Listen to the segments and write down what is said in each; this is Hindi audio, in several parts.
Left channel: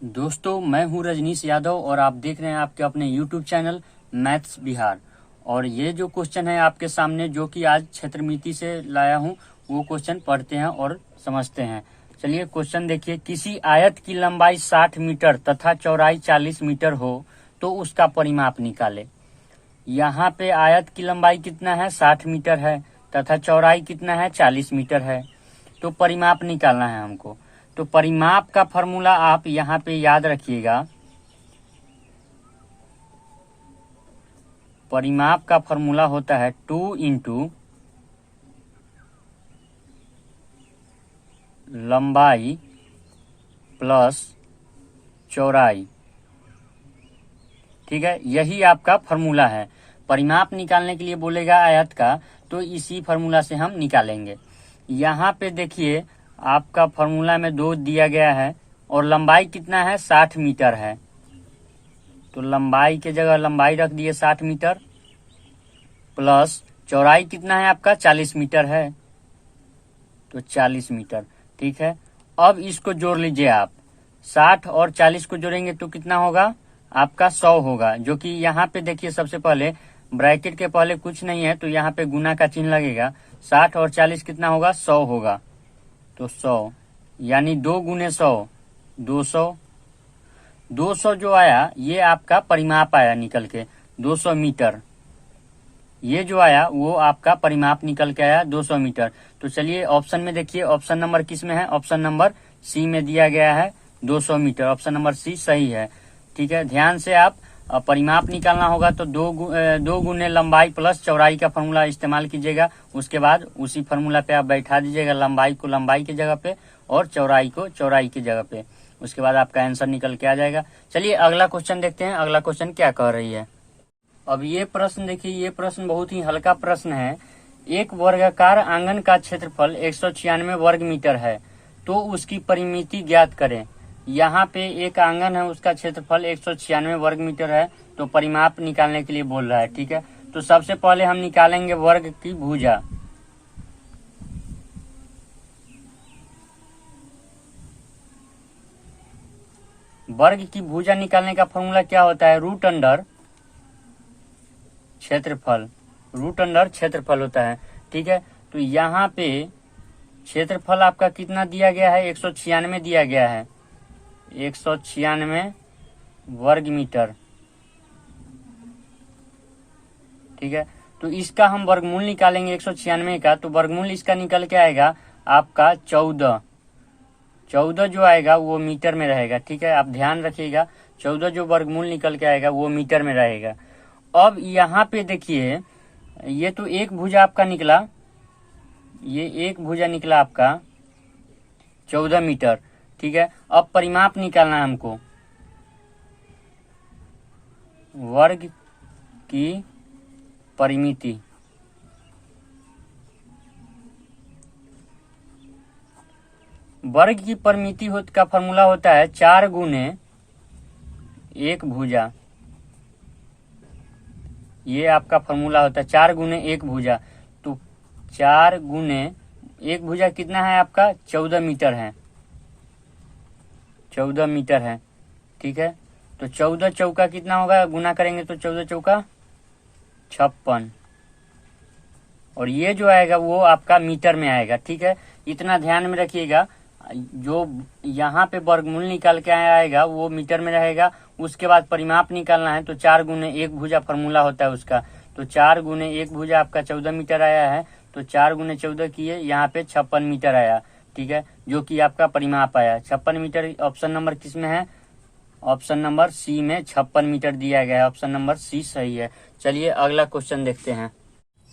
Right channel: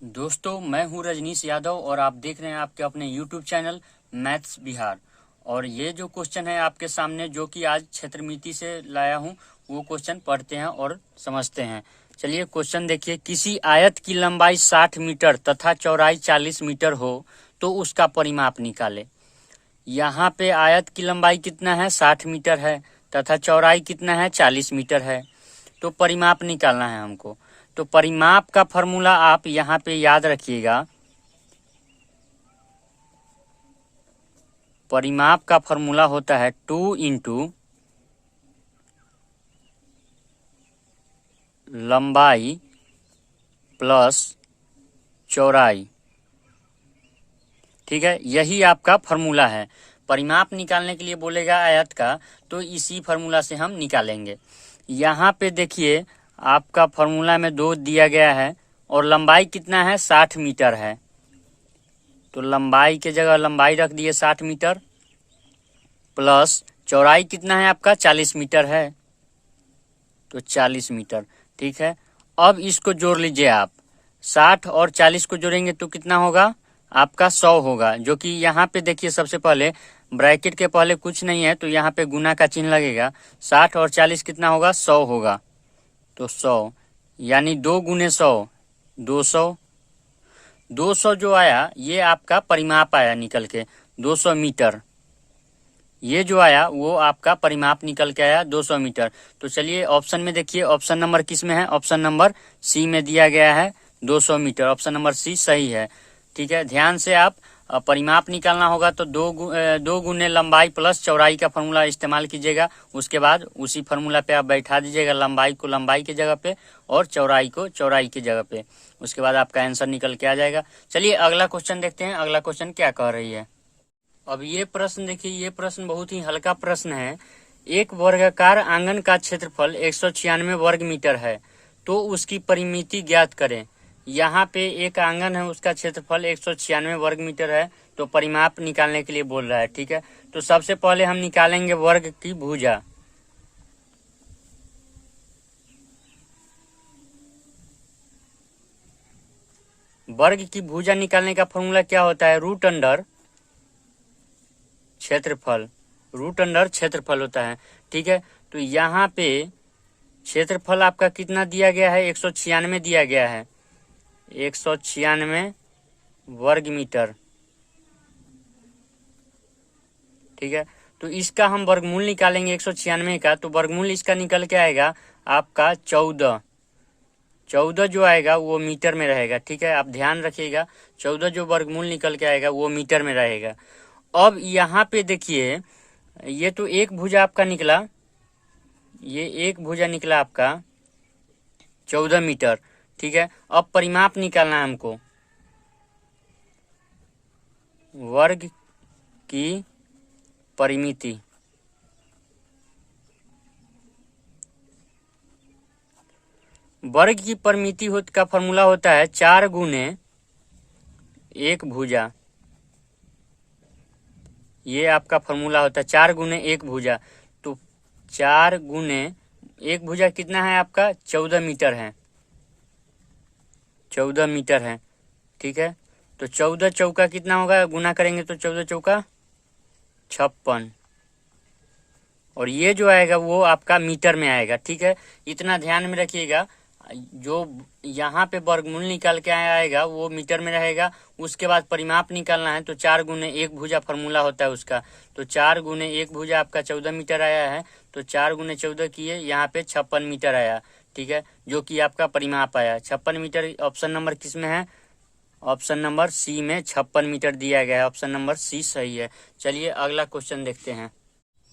दोस्तों, मैं हूं रजनीश यादव और आप देख रहे हैं आपके अपने YouTube चैनल मैथ्स बिहार। और ये जो क्वेश्चन है आपके सामने, जो कि आज क्षेत्रमिति से लाया हूं, वो क्वेश्चन पढ़ते हैं और समझते हैं। चलिए क्वेश्चन देखिए। किसी आयत की लंबाई 60 मीटर तथा चौड़ाई 40 मीटर हो तो उसका परिमाप निकाले। यहाँ पे आयत की लंबाई कितना है, 60 मीटर है, तथा चौड़ाई कितना है, 40 मीटर है। तो परिमाप निकालना है हमको। तो परिमाप का फॉर्मूला आप यहाँ पे याद रखिएगा। परिमाप का फॉर्मूला होता है 2 इंटू लंबाई प्लस चौड़ाई। ठीक है, यही आपका फॉर्मूला है। परिमाप निकालने के लिए बोलेगा आयत का, तो इसी फॉर्मूला से हम निकालेंगे। यहाँ पे देखिए आपका फॉर्मूला में 2 दिया गया है और लंबाई कितना है, 60 मीटर है। तो लंबाई के जगह लंबाई रख दिए 60 मीटर, प्लस चौड़ाई कितना है आपका, 40 मीटर है, तो 40 मीटर। ठीक है, अब इसको जोड़ लीजिए आप। 60 और 40 को जोड़ेंगे तो कितना होगा आपका, 100 होगा। जो कि यहाँ पे देखिए सबसे पहले ब्रैकेट के पहले कुछ नहीं है, तो यहाँ पे गुना का चिन्ह लगेगा। 60 और 40 कितना होगा, 100 होगा। तो 100 यानी 2 गुने 100 200। 200 जो आया ये आपका परिमाप आया निकल के, 200 मीटर। ये जो आया वो आपका परिमाप निकल के आया 200 मीटर। तो चलिए ऑप्शन में देखिए, ऑप्शन नंबर किस में है, ऑप्शन नंबर सी में दिया गया है 200 मीटर। ऑप्शन नंबर सी सही है। ठीक है, ध्यान से आप परिमाप निकालना होगा तो 2 गुने लंबाई प्लस चौड़ाई का फॉर्मूला इस्तेमाल कीजिएगा। उसके बाद उसी फॉर्मूला पे आप बैठा दीजिएगा लंबाई को लंबाई की जगह पे और चौड़ाई को चौड़ाई की जगह पे। उसके बाद आपका आंसर निकल के आ जाएगा। चलिए अगला क्वेश्चन देखते हैं, अगला क्वेश्चन क्या कह रही है। अब ये प्रश्न देखिए, ये प्रश्न बहुत ही हल्का प्रश्न है। एक वर्गाकार आंगन का क्षेत्रफल 196 वर्ग मीटर है, तो उसकी परिमिति ज्ञात करें। यहाँ पे एक आंगन है, उसका क्षेत्रफल 196 वर्ग मीटर है, तो परिमाप निकालने के लिए बोल रहा है। ठीक है, तो सबसे पहले हम निकालेंगे वर्ग की भुजा। वर्ग की भुजा निकालने का फॉर्मूला क्या होता है, रूट अंडर क्षेत्रफल। रूट अंडर क्षेत्रफल होता है। ठीक है, तो यहाँ पे क्षेत्रफल आपका कितना दिया गया है, 196 दिया गया है, 196 वर्ग मीटर। ठीक है, तो इसका हम वर्गमूल निकालेंगे 196 का, तो वर्गमूल इसका निकल के आएगा आपका 14। 14 जो आएगा वो मीटर में रहेगा। ठीक है, आप ध्यान रखिएगा, 14 जो वर्गमूल निकल के आएगा वो मीटर में रहेगा। अब यहाँ पे देखिए, ये तो एक भुजा आपका निकला, ये एक भुजा निकला आपका 14 मीटर। ठीक है, अब परिमाप निकालना है हमको। वर्ग की परिमिति, वर्ग की परिमिति का फॉर्मूला होता है 4 गुने 1 भुजा। ये आपका फॉर्मूला होता है 4 गुने 1 भुजा। तो 4 गुने 1 भुजा कितना है आपका, 14 मीटर है, 14 मीटर है। ठीक है, तो 14 चौका कितना होगा, गुना करेंगे तो 14 चौका 56, और ये जो आएगा वो आपका मीटर में आएगा। ठीक है, इतना ध्यान में रखिएगा, जो यहाँ पे वर्गमूल निकाल के आएगा वो मीटर में रहेगा। उसके बाद परिमाप निकालना है, तो 4 गुने 1 भुजा फॉर्मूला होता है उसका। तो 4 गुने 1 भुजा आपका 14 मीटर आया है, तो 4 गुने 14 किए, यहाँ पे 56 मीटर आया। ठीक है, जो कि आपका परिमाप आया 56 मीटर। ऑप्शन नंबर किस में है, ऑप्शन नंबर सी में 56 मीटर दिया गया है। ऑप्शन नंबर सी सही है। चलिए अगला क्वेश्चन देखते हैं।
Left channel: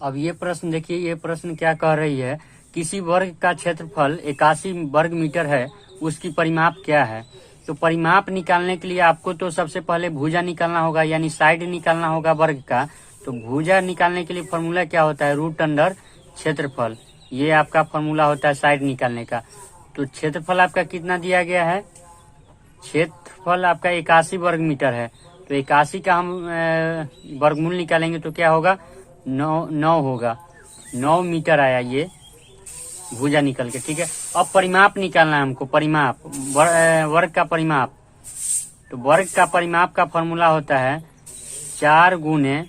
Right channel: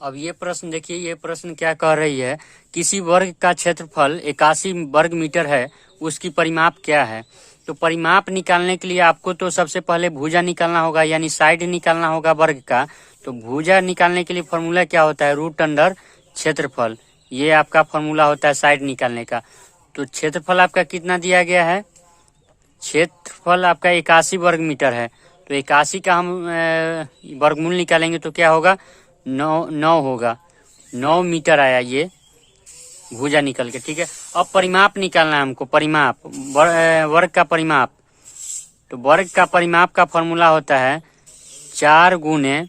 अब ये प्रश्न देखिए, ये प्रश्न क्या कह रही है, किसी वर्ग का क्षेत्रफल 81 वर्ग मीटर है, उसकी परिमाप क्या है। तो परिमाप निकालने के लिए आपको तो सबसे पहले भुजा निकालना होगा, यानी साइड निकालना होगा वर्ग का। तो भुजा निकालने के लिए फॉर्मूला क्या होता है, रूट अंडर क्षेत्रफल। ये आपका फॉर्मूला होता है साइड निकालने का। तो क्षेत्रफल आपका कितना दिया गया है, क्षेत्रफल आपका 81 वर्ग मीटर है, तो 81 का हम वर्गमूल निकालेंगे तो क्या होगा, 9 होगा, 9 मीटर आया ये भुजा निकल के। ठीक है, अब परिमाप निकालना है हमको, परिमाप वर्ग का परिमाप। तो वर्ग का परिमाप का फॉर्मूला होता है 4 गुने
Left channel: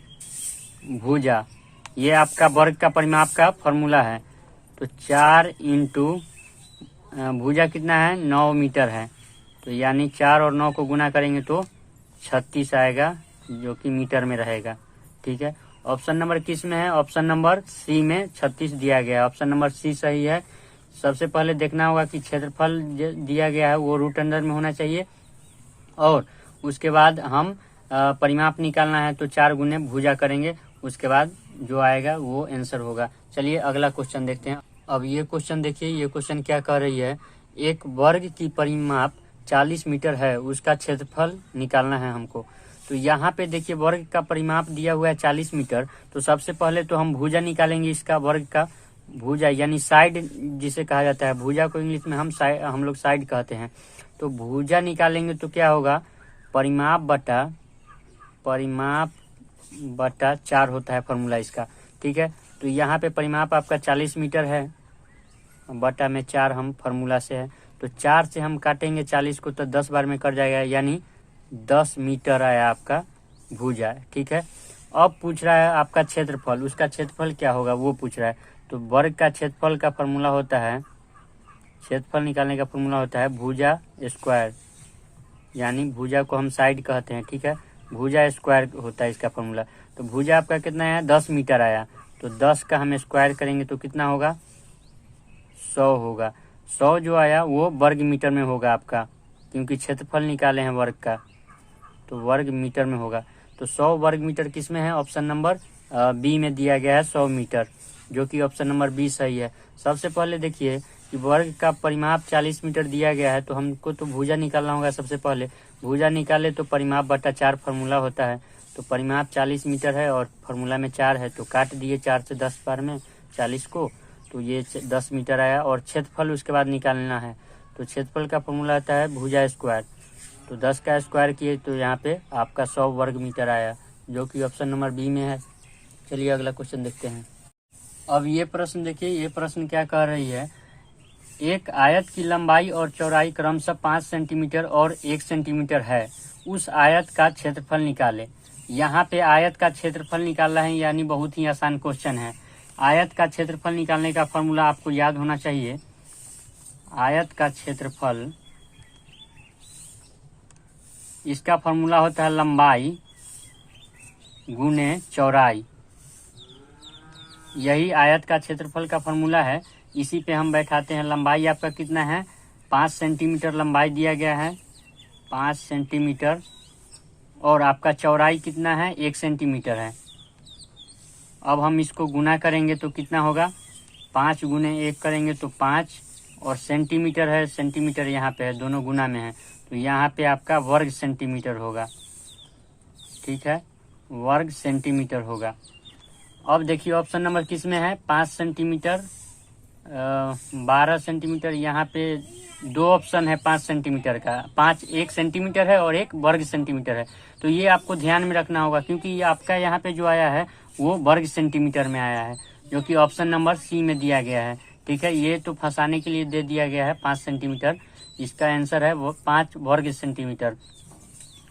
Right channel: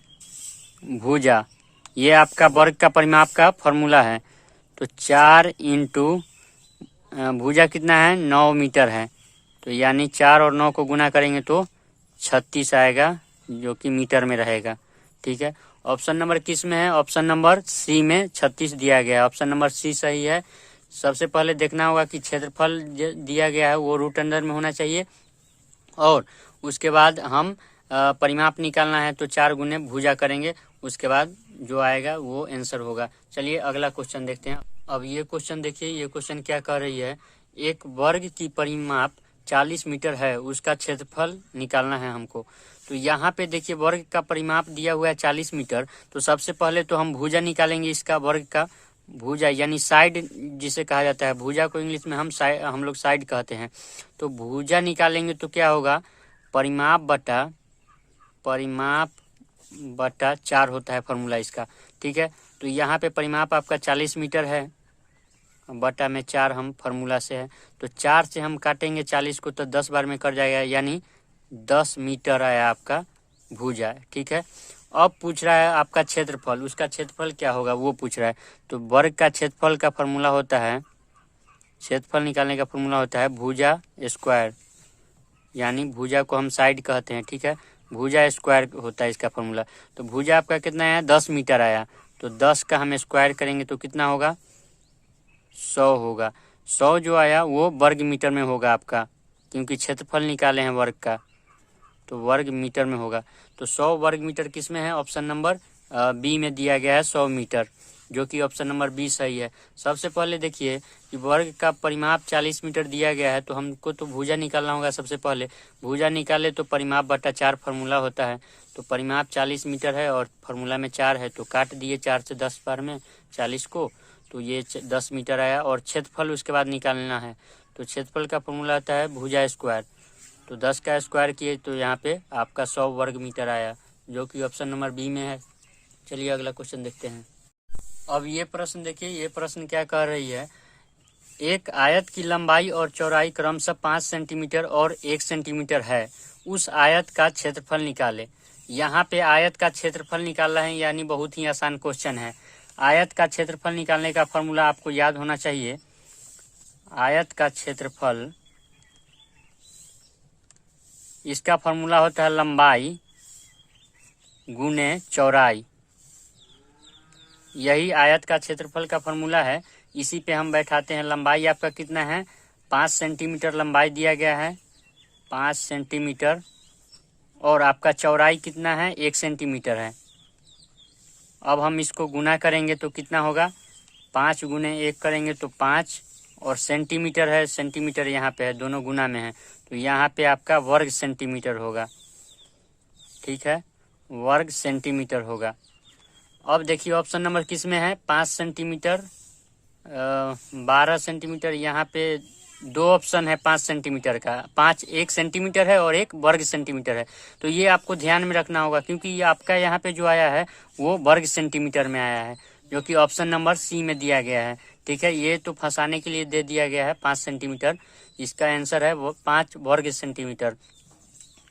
भुजा। ये आपका वर्ग का परिमाप का फॉर्मूला है। तो 4 इंटू भुजा कितना है 9 मीटर है, तो यानी 4 और 9 को गुना करेंगे तो 36 आएगा, जो कि मीटर में रहेगा। ठीक है, ऑप्शन नंबर किस में है? ऑप्शन नंबर सी में 36 दिया गया है। ऑप्शन नंबर सी सही है। सबसे पहले देखना होगा कि क्षेत्रफल दिया गया है वो रूट अंडर में होना चाहिए, और उसके बाद हम परिमाप निकालना है तो 4 गुने भुजा करेंगे, उसके बाद जो आएगा वो आंसर होगा। चलिए अगला क्वेश्चन देखते हैं। अब ये क्वेश्चन देखिए, ये क्वेश्चन क्या कह रही है, एक वर्ग की परिमाप 40 मीटर है, उसका क्षेत्रफल निकालना है हमको। तो यहाँ पे देखिए वर्ग का परिमाप दिया हुआ है 40 मीटर, तो सबसे पहले तो हम भुजा निकालेंगे इसका, वर्ग का भुजा यानी साइड जिसे कहा जाता है, भुजा को इंग्लिश में हम लोग साइड कहते हैं। तो भुजा निकालेंगे तो क्या होगा, परिमाप बटा 4 होता है फॉर्मूला इसका। ठीक है, तो यहाँ पे परिमाप आपका 40 मीटर है, बटा में 4 हम फॉर्मूला से है, तो 4 से हम काटेंगे 40 को तो 10 बार में कट जाएगा, यानी 10 मीटर आया आपका भुजा। ठीक है, अब पूछ रहा है आपका क्षेत्रफल, उसका क्षेत्रफल क्या होगा वो पूछ रहा है। तो वर्ग का क्षेत्रफल का फॉर्मूला होता है, क्षेत्रफल निकालने का फॉर्मूला होता है भुजा स्क्वायर, यानी भुजा को हम साइड कहते हैं। ठीक है, भुजा स्क्वायर होता है इसका फॉर्मूला। तो भुजा आपका कितना है 10 मीटर आया, तो 10 का हम स्क्वायर करेंगे तो कितना होगा 100 होगा। 100 जो आया वो वर्ग मीटर में होगा आपका, क्योंकि क्षेत्रफल निकाले हैं वर्ग का, तो वर्ग मीटर में होगा। तो 100 वर्ग मीटर किस में है? ऑप्शन नंबर बी में दिया गया है 100 मीटर, जो कि ऑप्शन नंबर बी सही है। सबसे पहले देखिए कि वर्ग का परिमाप 40 मीटर दिया गया है, तो हमको तो भुजा निकालना होगा। सबसे पहले भुजा निकाले तो परिमाप बटा 4 फार्मूला होता है। तो परिमाप 40 मीटर है और फार्मूला में 4 है, तो काट दिए 4 से 10 बार में 40 को, तो ये 10 मीटर आया। और क्षेत्रफल उसके बाद निकालना है, तो क्षेत्रफल का फॉर्मूला आता है भुजा स्क्वायर, तो 10 का स्क्वायर किए तो यहाँ पे आपका 100 वर्ग मीटर आया, जो कि ऑप्शन नंबर बी में है। चलिए अगला क्वेश्चन देखते हैं। अब ये प्रश्न देखिए, ये प्रश्न क्या कह रही है, एक आयत की लंबाई और चौड़ाई क्रमशः 5 सेंटीमीटर और 1 सेंटीमीटर है, उस आयत का क्षेत्रफल निकाले। यहाँ पे आयत का क्षेत्रफल निकालना है, यानी बहुत ही आसान क्वेश्चन है। आयत का क्षेत्रफल निकालने का फॉर्मूला आपको याद होना चाहिए। आयत का क्षेत्रफल, इसका फॉर्मूला होता है लंबाई गुने चौड़ाई, यही आयत का क्षेत्रफल का फॉर्मूला है। इसी पे हम बैठाते हैं। लंबाई आपका कितना है 5 सेंटीमीटर लंबाई दिया गया है, 5 सेंटीमीटर, और आपका चौड़ाई कितना है 1 सेंटीमीटर है। अब हम इसको गुना करेंगे तो कितना होगा, 5 गुने 1 करेंगे तो 5, और सेंटीमीटर है, सेंटीमीटर यहाँ पे है, दोनों गुना में है, तो यहाँ पे आपका वर्ग सेंटीमीटर होगा। ठीक है, वर्ग सेंटीमीटर होगा। अब देखिए ऑप्शन नंबर किस में है, 5 सेंटीमीटर 12 सेंटीमीटर, यहाँ पे 2 ऑप्शन है 5 सेंटीमीटर का, 1 सेंटीमीटर है और 1 वर्ग सेंटीमीटर है। तो ये आपको ध्यान में रखना होगा, क्योंकि ये आपका यहाँ पे जो आया है वो वर्ग सेंटीमीटर में आया है, जो कि ऑप्शन नंबर सी में दिया गया है। ठीक है, ये तो फंसाने के लिए दे दिया गया है 5 सेंटीमीटर, इसका आंसर है वो 5 वर्ग सेंटीमीटर,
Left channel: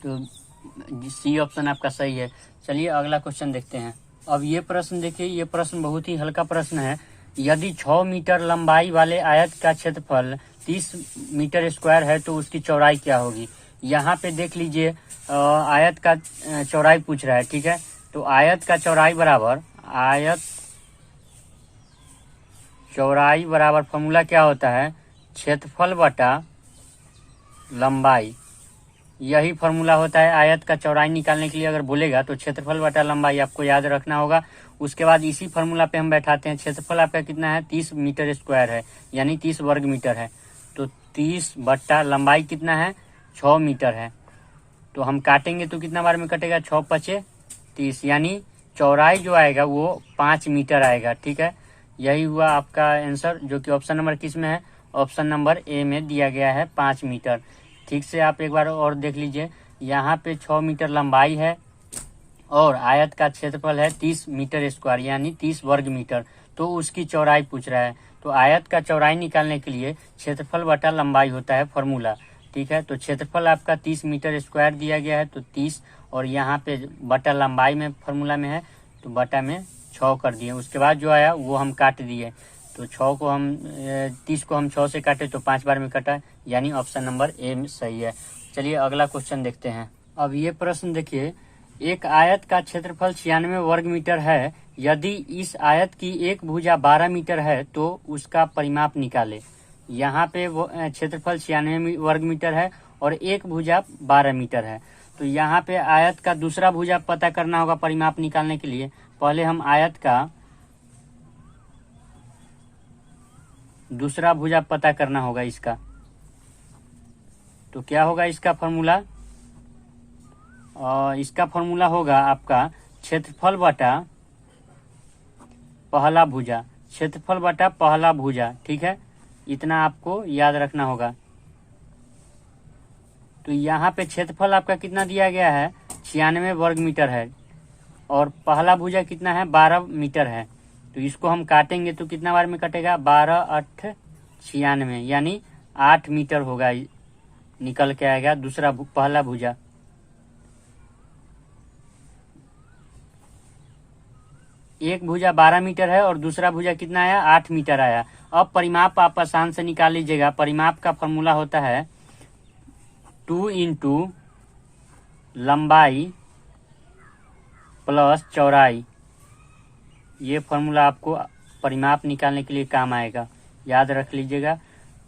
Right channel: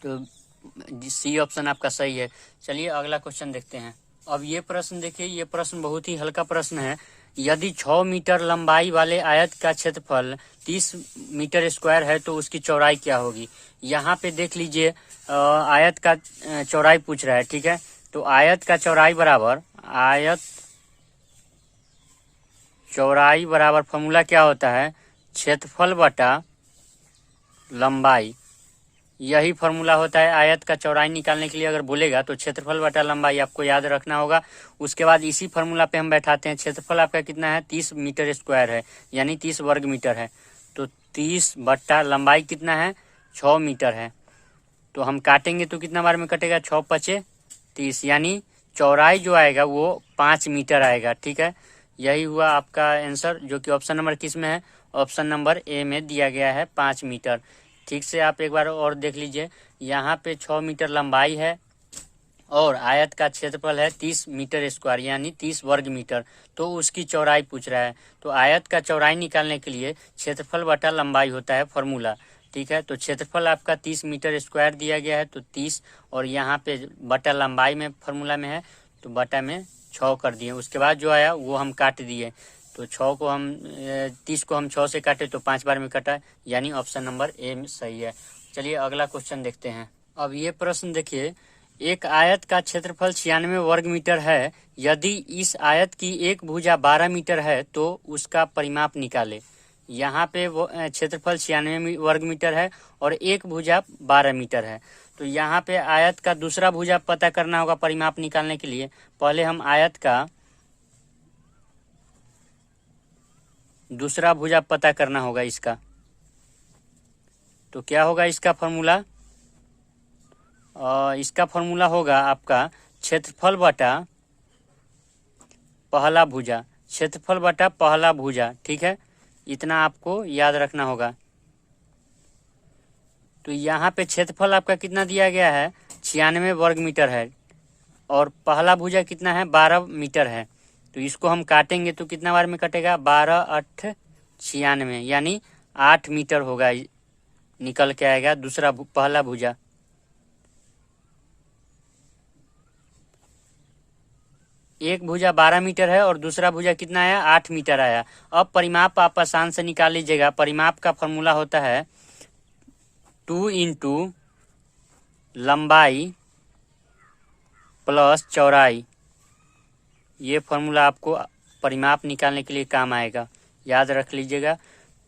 तो सी ऑप्शन आपका सही है। चलिए अगला क्वेश्चन देखते हैं। अब ये प्रश्न देखिए, ये प्रश्न बहुत ही हल्का प्रश्न है। यदि 6 मीटर लंबाई वाले आयत का क्षेत्रफल 30 मीटर स्क्वायर है तो उसकी चौड़ाई क्या होगी। यहाँ पे देख लीजिए आयत का चौड़ाई पूछ रहा है। ठीक है, तो आयत का चौड़ाई बराबर, आयत चौड़ाई बराबर फॉर्मूला क्या होता है, क्षेत्रफल बटा लंबाई, यही फॉर्मूला होता है। आयत का चौड़ाई निकालने के लिए अगर बोलेगा तो क्षेत्रफल बटा लंबाई आपको याद रखना होगा। उसके बाद इसी फॉर्मूला पे हम बैठाते हैं। क्षेत्रफल आपका कितना है 30 मीटर स्क्वायर है, यानी 30 वर्ग मीटर है, तो 30 बट्टा लंबाई कितना है 6 मीटर है, तो हम काटेंगे तो कितना बार में कटेगा 6 पचे 30, यानी चौड़ाई जो आएगा वो 5 मीटर आएगा। ठीक है, यही हुआ आपका आंसर, जो कि ऑप्शन नंबर किस में है, ऑप्शन नंबर ए में दिया गया है 5 मीटर। ठीक से आप एक बार और देख लीजिए, यहाँ पे 6 मीटर लंबाई है और आयत का क्षेत्रफल है 30 मीटर स्क्वायर, यानी 30 वर्ग मीटर, तो उसकी चौड़ाई पूछ रहा है। तो आयत का चौड़ाई निकालने के लिए क्षेत्रफल बटा लंबाई होता है फॉर्मूला। ठीक है। तो क्षेत्रफल आपका 30 मीटर स्क्वायर दिया गया है, तो 30 और यहाँ पे बटा लंबाई में फॉर्मूला में है तो बटा में 6 कर दिए। उसके बाद जो आया वो हम काट दिए, तो 6 को हम 30 को हम 6 से काटे तो 5 बार में कटा, यानी ऑप्शन नंबर ए में सही है। चलिए अगला क्वेश्चन देखते हैं। अब ये प्रश्न देखिए, एक आयत का क्षेत्रफल 96 वर्ग मीटर है, यदि इस आयत की एक भुजा 12 मीटर है तो उसका परिमाप निकाले। यहाँ पे वो क्षेत्रफल 96 वर्ग मीटर है और एक भुजा 12 मीटर है, तो यहाँ पे आयत का दूसरा भुजा पता करना होगा परिमाप निकालने के लिए। पहले हम आयत का दूसरा भुजा पता करना होगा इसका, तो क्या होगा इसका फॉर्मूला? इसका फॉर्मूला होगा आपका क्षेत्रफल बटा पहला भुजा, क्षेत्रफल बटा पहला भुजा, ठीक है। इतना आपको याद रखना होगा। तो यहाँ पे क्षेत्रफल आपका कितना दिया गया है? 96 वर्ग मीटर है और पहला भुजा कितना है? 12 मीटर है। तो इसको हम काटेंगे तो कितना बार में कटेगा? 12 8 96, यानी 8 मीटर होगा, निकल के आएगा दूसरा पहला भुजा। एक भुजा 12 मीटर है और दूसरा भुजा कितना आया? 8 मीटर आया। अब परिमाप आप आसान से निकाल लीजिएगा। परिमाप का फॉर्मूला होता है 2 इंटू लंबाई प्लस चौड़ाई। ये फॉर्मूला आपको परिमाप निकालने के लिए काम आएगा, याद रख लीजिएगा।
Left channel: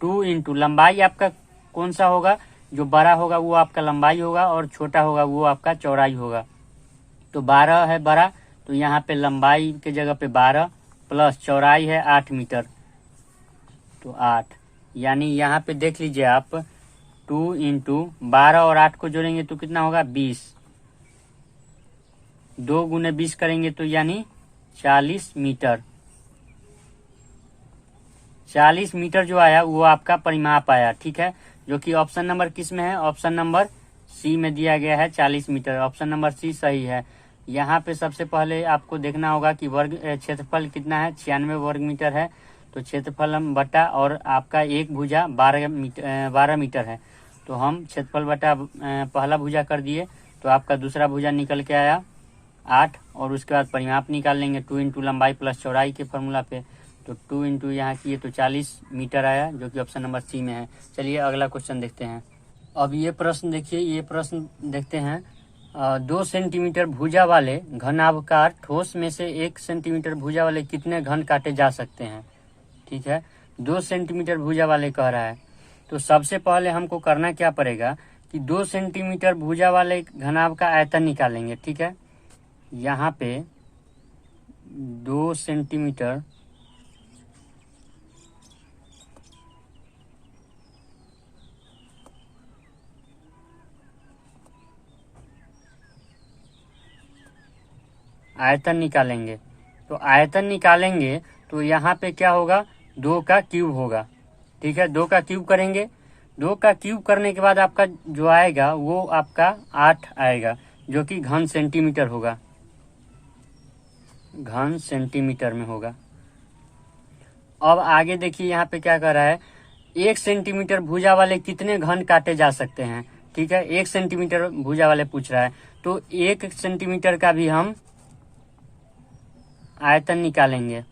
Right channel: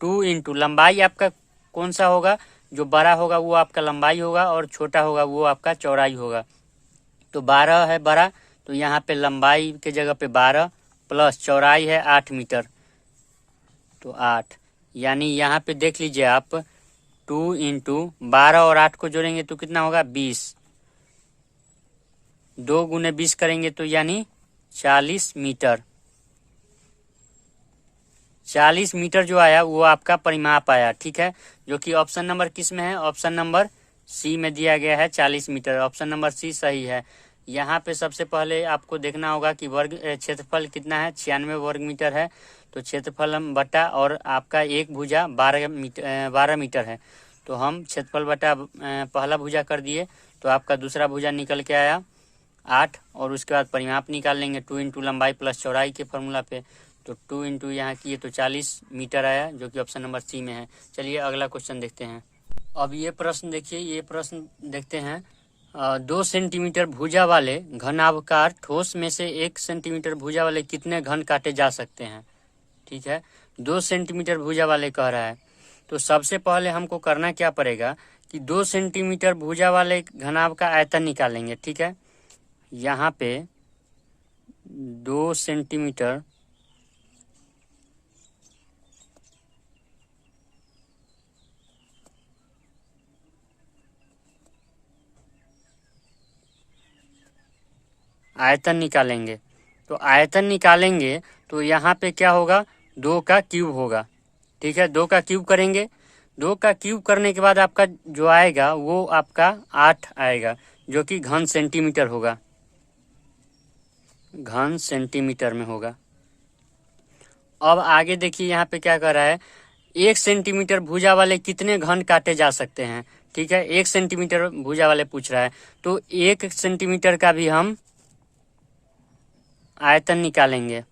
2 इंटू लंबाई आपका कौन सा होगा? जो बड़ा होगा वो आपका लंबाई होगा और छोटा होगा वो आपका चौड़ाई होगा। तो 12 है बड़ा, तो यहाँ पे लंबाई के जगह पे 12 प्लस चौड़ाई है 8 मीटर, तो 8, यानी यहाँ पे देख लीजिए आप 2 इंटू 12 और 8 को जोड़ेंगे तो कितना होगा? 20, 2 गुने 20 करेंगे तो यानी 40 मीटर। 40 मीटर जो आया वो आपका परिमाप आया, ठीक है। जो कि ऑप्शन नंबर किस में है? ऑप्शन नंबर सी में दिया गया है 40 मीटर। ऑप्शन नंबर सी सही है। यहाँ पे सबसे पहले आपको देखना होगा कि वर्ग क्षेत्रफल कितना है? 96 वर्ग मीटर है, तो क्षेत्रफल हम बटा और आपका एक भुजा 12 मीटर है, तो हम क्षेत्रफल बटा पहला भुजा कर दिए, तो आपका दूसरा भुजा निकल के आया 8। और उसके बाद परिमाप निकाल लेंगे 2 इंटू लंबाई प्लस चौड़ाई के फॉर्मूला पे, तो 2 इंटू यहाँ किए तो 40 मीटर आया, जो कि ऑप्शन नंबर सी में है। चलिए अगला क्वेश्चन देखते हैं। अब ये प्रश्न देखिए, ये प्रश्न देखते हैं। 2 सेंटीमीटर भुजा वाले घनाभकार ठोस में से 1 सेंटीमीटर भुजा वाले कितने घन काटे जा सकते हैं? ठीक है, 2 सेंटीमीटर भुजा वाले कह रहा है, तो सबसे पहले हमको करना क्या पड़ेगा कि 2 सेंटीमीटर भुजा वाले घनाभ का आयतन निकालेंगे, ठीक है। यहाँ पे 2 सेंटीमीटर आयतन निकालेंगे, तो आयतन निकालेंगे तो यहाँ पे क्या होगा? 2 का क्यूब होगा, ठीक है। 2 का क्यूब करेंगे, 2 का क्यूब करने के बाद आपका जो आएगा वो आपका 8 आएगा, जो कि घन सेंटीमीटर होगा, घन सेंटीमीटर में होगा। अब आगे देखिए यहाँ पे क्या कर रहा है, 1 सेंटीमीटर भुजा वाले कितने घन काटे जा सकते हैं, ठीक है। 1 सेंटीमीटर भुजा वाले पूछ रहा है, तो 1 सेंटीमीटर का भी हम आयतन निकालेंगे।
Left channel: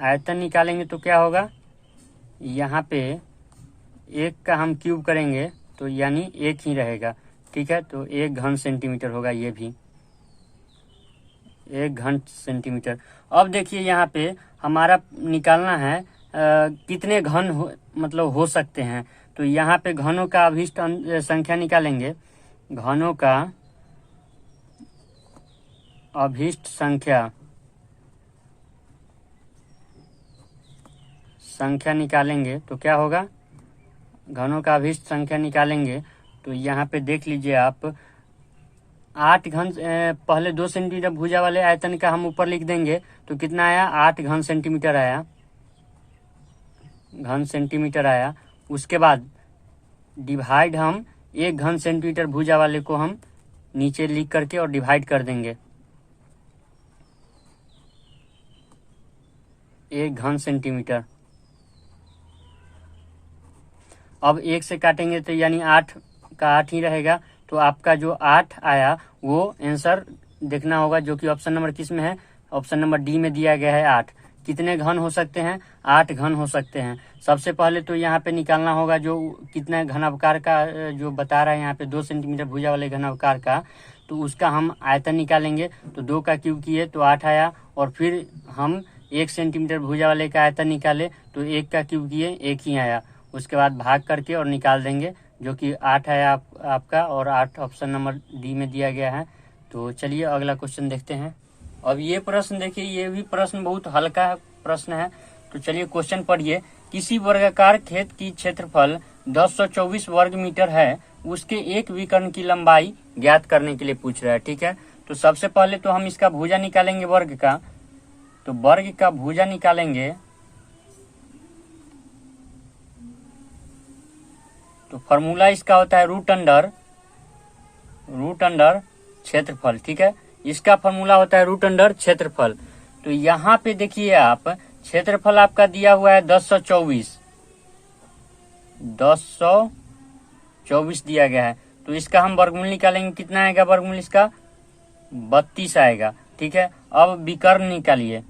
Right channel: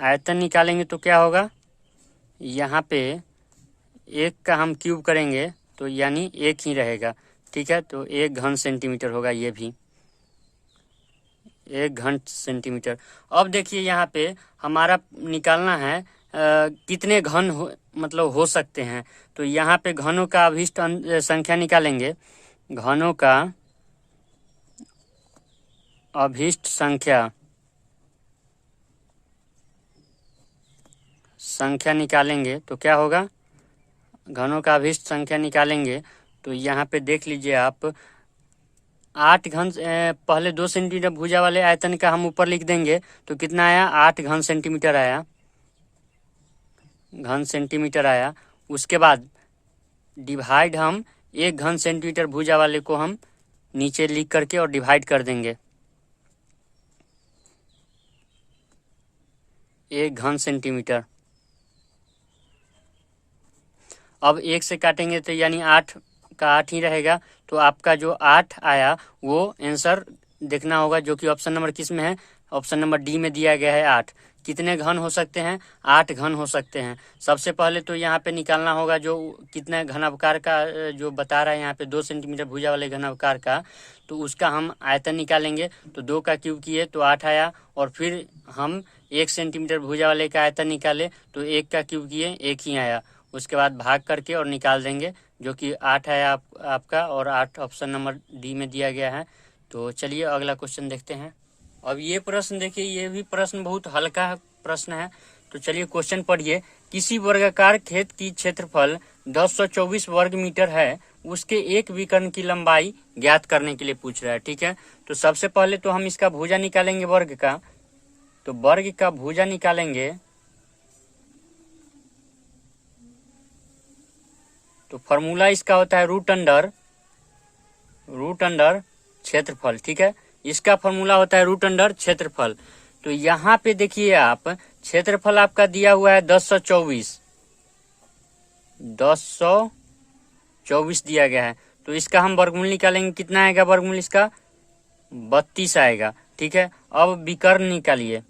आयतन निकालेंगे तो क्या होगा? यहाँ पे 1 का हम क्यूब करेंगे तो यानी 1 ही रहेगा, ठीक है। तो 1 घन सेंटीमीटर होगा, ये भी 1 घन सेंटीमीटर। अब देखिए यहाँ पे हमारा निकालना है कितने घन हो सकते हैं, तो यहाँ पे घनों का अभिष्ट संख्या निकालेंगे। घनों का अभिष्ट संख्या निकालेंगे तो क्या होगा? घनों का अभिष्ट संख्या निकालेंगे तो यहाँ पे देख लीजिए आप 8 घन, पहले 2 सेंटीमीटर भुजा वाले आयतन का हम ऊपर लिख देंगे तो कितना आया? 8 घन सेंटीमीटर आया, घन सेंटीमीटर आया। उसके बाद डिवाइड हम 1 घन सेंटीमीटर भुजा वाले को हम नीचे लिख करके और डिवाइड कर देंगे, 1 घन सेंटीमीटर। अब 1 से काटेंगे तो यानी 8 का 8 ही रहेगा, तो आपका जो 8 आया वो आंसर देखना होगा, जो कि ऑप्शन नंबर किस में है, ऑप्शन नंबर डी में दिया गया है 8। कितने घन हो सकते हैं, 8 घन हो सकते हैं। सबसे पहले तो यहाँ पे निकालना होगा जो कितना घनाकार का जो बता रहा है यहाँ पे 2 सेंटीमीटर भुजा वाले घनाकार का, तो उसका हम आयतन निकालेंगे। तो 2 का क्यूब किए तो 8 आया, और फिर हम 1 सेंटीमीटर भुजा वाले का आयतन निकाले तो 1 का क्यूब किए 1 ही आया। उसके बाद भाग करके और निकाल देंगे, जो कि 8 है आपका, और 8 ऑप्शन नंबर डी में दिया गया है। तो चलिए अगला क्वेश्चन देखते हैं। अब ये प्रश्न देखिए, ये भी प्रश्न बहुत हल्का प्रश्न है। तो चलिए क्वेश्चन पढ़िए। किसी वर्गाकार खेत की क्षेत्रफल 1024 वर्ग मीटर है, उसके एक विकर्ण की लंबाई ज्ञात करने के लिए पूछ रहा है। ठीक है, तो सबसे पहले तो हम इसका भुजा निकालेंगे वर्ग का। तो वर्ग का भुजा निकालेंगे तो फॉर्मूला इसका होता है रूट अंडर क्षेत्रफल। ठीक है, इसका फॉर्मूला होता है रूट अंडर क्षेत्रफल। तो यहाँ पे देखिए आप, क्षेत्रफल आपका दिया हुआ है 1024 दिया गया है। तो इसका हम वर्गमूल निकालेंगे, कितना आएगा वर्गमूल इसका, 32 आएगा। ठीक है, अब विकर्ण निकालिए।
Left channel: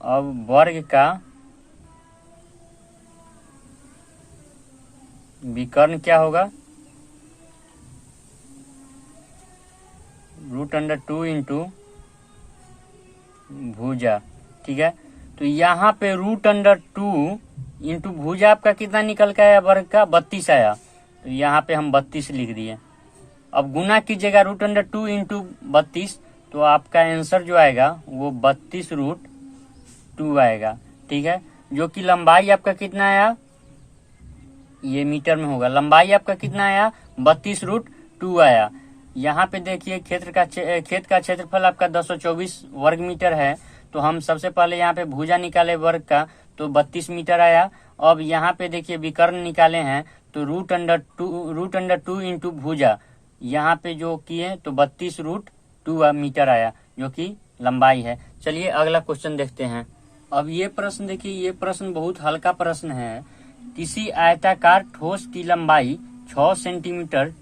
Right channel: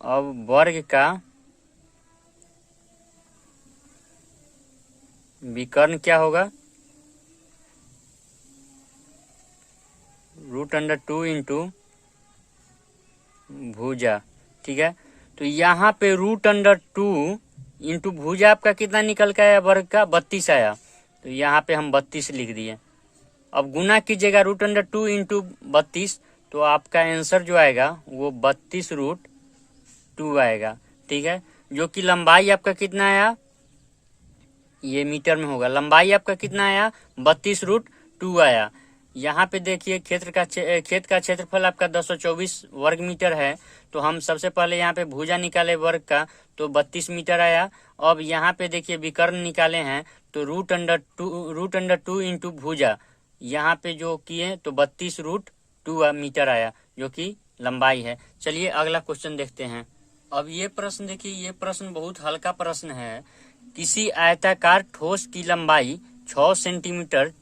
अब वर्ग का विकर्ण क्या होगा, रूट अंडर 2 इंटू भुजा। ठीक है, तो यहाँ पे रूट अंडर 2 इंटू भुजा आपका कितना निकल के आया, वर्ग का 32 आया। तो यहाँ पे हम 32 लिख दिए। अब गुना कीजिएगा रूट अंडर 2 इंटू 32, तो आपका आंसर जो आएगा वो 32√2 आएगा। ठीक है, जो कि लंबाई आपका कितना आया, ये मीटर में होगा, लंबाई आपका कितना आया, 32√2 आया। यहाँ पे देखिए खेत का क्षेत्रफल आपका 1024 वर्ग मीटर है। तो हम सबसे पहले यहाँ पे भुजा निकाले वर्ग का, तो 32 मीटर आया। अब यहाँ पे देखिए विकर्ण निकाले हैं, तो रूट अंडर 2 इंटू भुजा, यहाँ पे जो किए तो 32√2 मीटर आया, जो कि लंबाई है। चलिए अगला क्वेश्चन देखते हैं। अब ये प्रश्न देखिए, ये प्रश्न बहुत हल्का प्रश्न है। किसी आयताकार ठोस की लंबाई 6 सेंटीमीटर,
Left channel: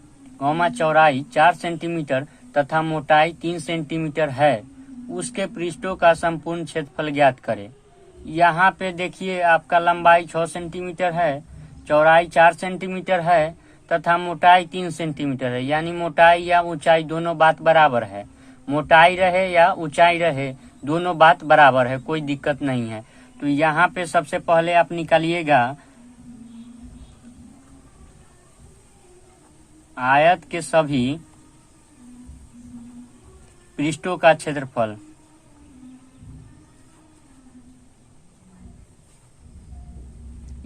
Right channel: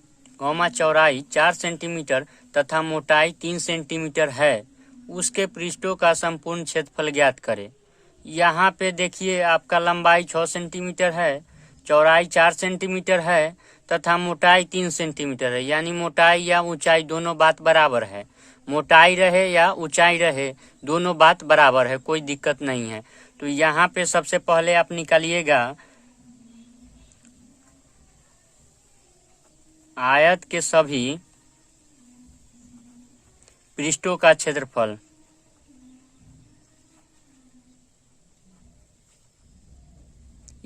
चौड़ाई 4 सेंटीमीटर तथा मोटाई 3 सेंटीमीटर है, उसके पृष्ठों का संपूर्ण क्षेत्रफल ज्ञात करें। यहाँ पे देखिए आपका लंबाई 6 सेंटीमीटर है, चौड़ाई 4 सेंटीमीटर है तथा मोटाई 3 सेंटीमीटर है। यानी मोटाई या ऊंचाई दोनों बात बराबर है, मोटाई रहे या ऊंचाई रहे दोनों बात बराबर है, कोई दिक्कत नहीं है। तो यहाँ पे सबसे पहले आप निकालिएगा आयत के सभी पृष्ठों का क्षेत्रफल।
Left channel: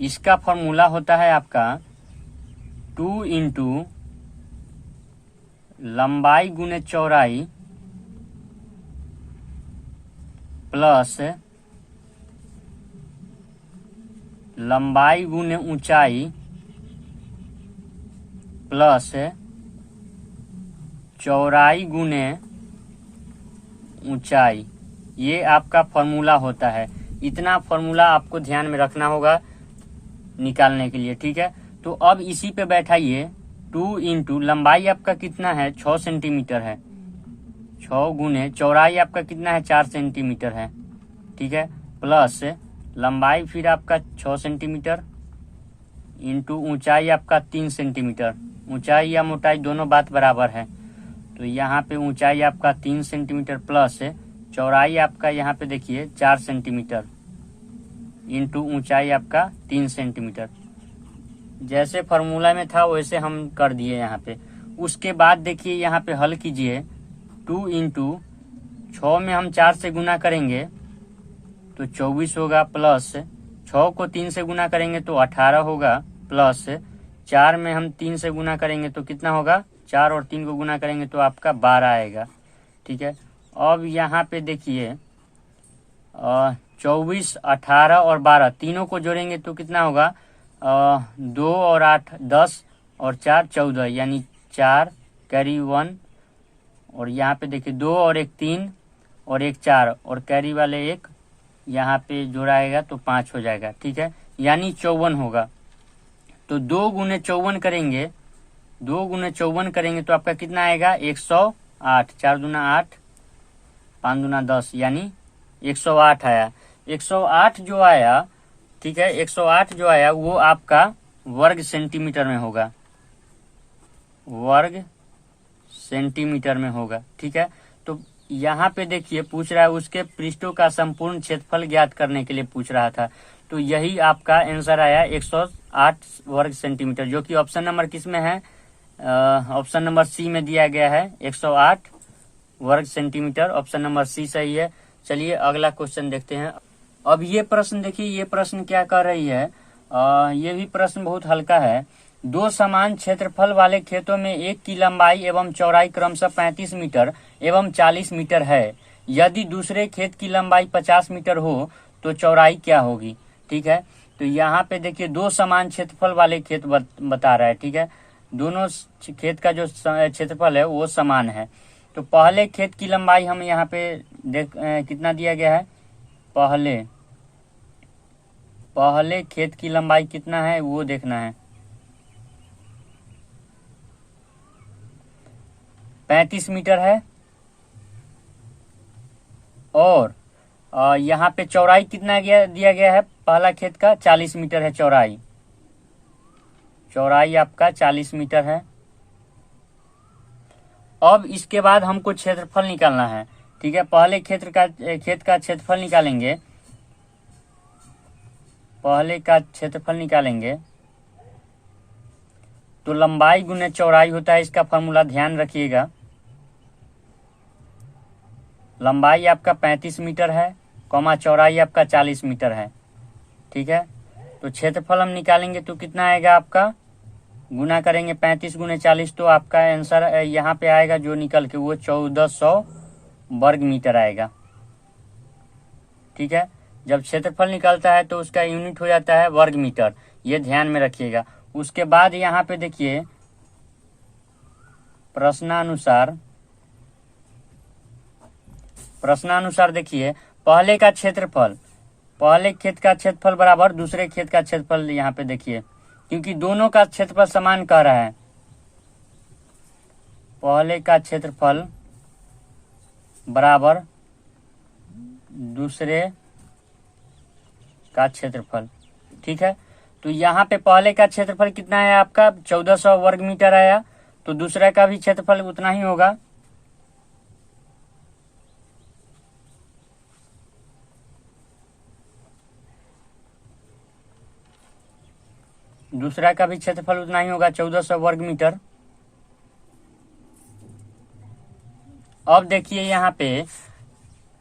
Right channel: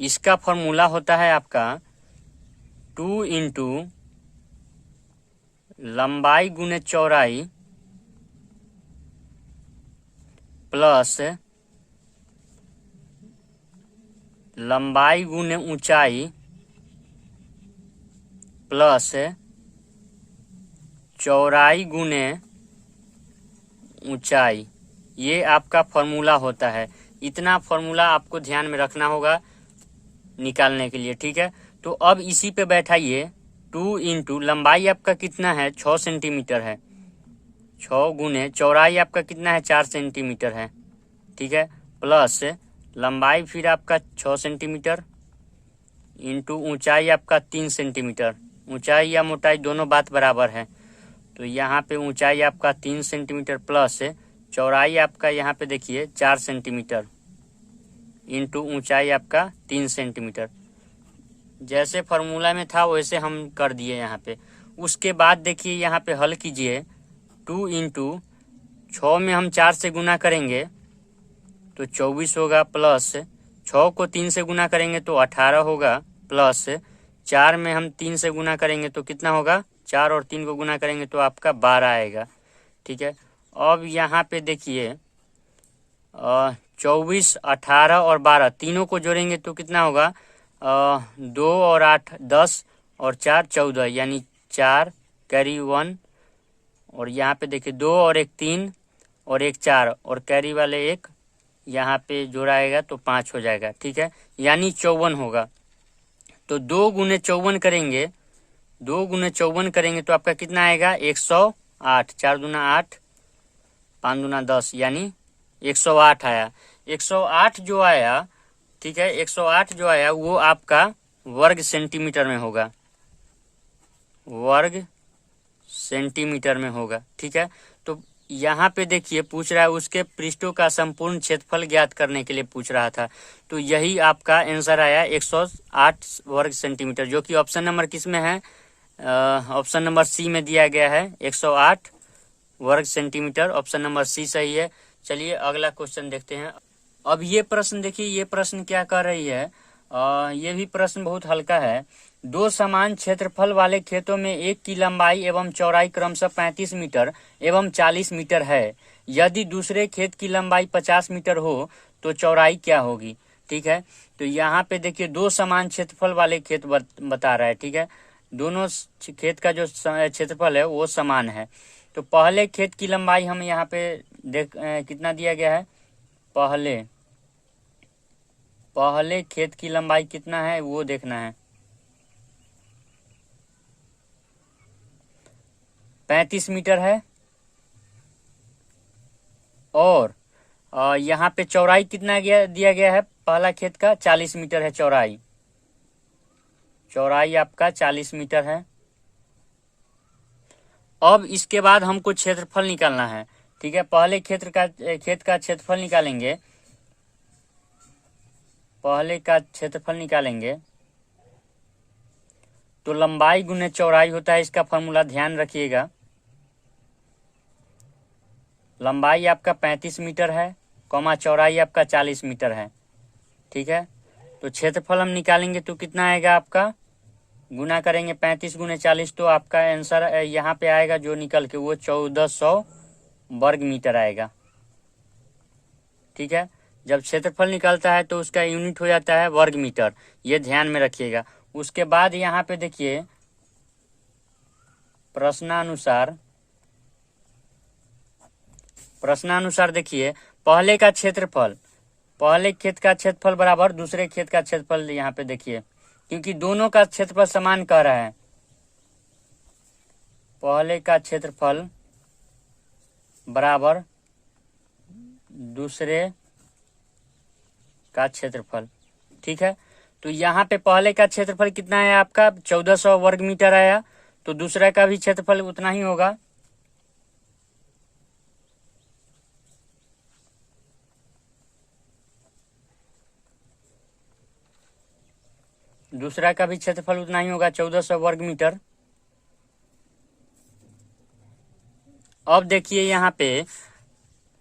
इसका फॉर्मूला होता है आपका 2 इंटू लंबाई गुने चौड़ाई प्लस लंबाई गुने ऊंचाई प्लस चौड़ाई गुने ऊंचाई, ये आपका फॉर्मूला होता है। इतना फॉर्मूला आपको ध्यान में रखना होगा निकालने के लिए। ठीक है, तो अब इसी पे बैठाइए 2 इंटू लंबाई आपका कितना है, 6 सेंटीमीटर है, 6 गुने चौड़ाई आपका कितना है, 4 सेंटीमीटर है। ठीक है, प्लस लंबाई फिर आपका 6 सेंटीमीटर इंटू ऊंचाई आपका 3 सेंटीमीटर। ऊंचाई या मोटाई दोनों बात बराबर है, तो यहाँ पे ऊंचाई आपका 3 सेंटीमीटर प्लस चौड़ाई आपका यहाँ पे देखिए 4 सेंटीमीटर इंटू ऊंचाई आपका 3 सेंटीमीटर। जैसे फार्मूला में था वैसे हम कर दिए यहाँ पे। उसके बाद देखिए यहाँ पे हल कीजिए, 2 इंटू 6 में हम 4 से गुना करेंगे तो 24 होगा, प्लस 6 को 3 से गुना करेंगे तो 18 होगा, प्लस 4 में हम 3 से गुना करेंगे तो कितना होगा, 4 और 3 को गुना करेंगे तो आपका 12 आएगा। ठीक है, अब यहाँ पे देखिए 24, 18 और 12 तीनों को जोड़ेंगे तो कितना होगा, 2 और 8 10 और 4 14, यानी 4 कैरी 1, और यहाँ पे देखिए 2 और 1 3 और एक 4 और कैरी वाले एक यहाँ पे जोड़ाएगा तो 5 हो जाएगा, ठीक है, यानी 54 होगा। तो 2 गुने 54 करेंगे, 2 गुने 54 करेंगे तो आपका कितना आएगा 108, 4 दूना 8, 5 दूना 10, यानी 108 आया। 108 जो आया, ठीक है, 108 जो आया वो आपका वर्ग सेंटीमीटर में होगा, वर्ग सेंटीमीटर में होगा, ठीक है। तो यहाँ पे देखिए पूछ रहा है उसके पृष्ठों का संपूर्ण क्षेत्रफल ज्ञात करने के लिए पूछ रहा था, तो यही आपका आंसर आया 108 वर्ग सेंटीमीटर, जो कि ऑप्शन नंबर किस में है, ऑप्शन नंबर सी में दिया गया है। 108 वर्ग सेंटीमीटर, ऑप्शन नंबर सी सही है। चलिए अगला क्वेश्चन देखते हैं। अब ये प्रश्न देखिए, ये प्रश्न क्या कर रही है, ये भी प्रश्न बहुत हल्का है। 2 समान क्षेत्रफल वाले खेतों में एक की लंबाई एवं चौड़ाई क्रमशः 35 मीटर एवं 40 मीटर है। यदि दूसरे खेत की लंबाई 50 मीटर हो तो चौड़ाई क्या होगी, ठीक है। तो यहाँ पे देखिए 2 समान क्षेत्रफल वाले खेत बता रहा है, ठीक है। दोनों खेत का जो क्षेत्रफल है वो समान है। तो पहले खेत की लंबाई हमें यहाँ पे कितना दिया गया है, पहले खेत की लंबाई कितना है वो देखना है, 35 मीटर है। और यहाँ पे चौड़ाई कितना दिया गया है, पहला खेत का 40 मीटर है चौड़ाई, चौड़ाई आपका 40 मीटर है। अब इसके बाद हमको क्षेत्रफल निकालना है, ठीक है। पहले खेत का क्षेत्रफल निकालेंगे, पहले का क्षेत्रफल निकालेंगे तो लंबाई गुने चौड़ाई होता है, इसका फॉर्मूला ध्यान रखिएगा। लंबाई आपका 35 मीटर है, कॉमा चौड़ाई आपका 40 मीटर है, ठीक है। तो क्षेत्रफल हम निकालेंगे तो कितना आएगा आपका, गुना करेंगे 35 गुने 40 तो आपका आंसर यहाँ पे आएगा जो निकल के वो 1400 वर्ग मीटर आएगा, ठीक है। जब क्षेत्रफल निकलता है तो उसका यूनिट हो जाता है वर्ग मीटर, ये ध्यान में रखिएगा। उसके बाद यहाँ पे देखिए प्रश्नानुसार देखिए पहले का क्षेत्रफल, पहले खेत का क्षेत्रफल बराबर दूसरे खेत का क्षेत्रफल, यहाँ पे देखिए क्योंकि दोनों का क्षेत्रफल समान कह रहा है, पहले का क्षेत्रफल बराबर दूसरे का क्षेत्रफल, ठीक है। तो यहाँ पे पहले का क्षेत्रफल कितना है आपका 1400 वर्ग मीटर आया, तो दूसरे का भी क्षेत्रफल उतना ही होगा, दूसरा का भी क्षेत्रफल उतना ही होगा 1400 वर्ग मीटर। अब देखिए यहाँ पे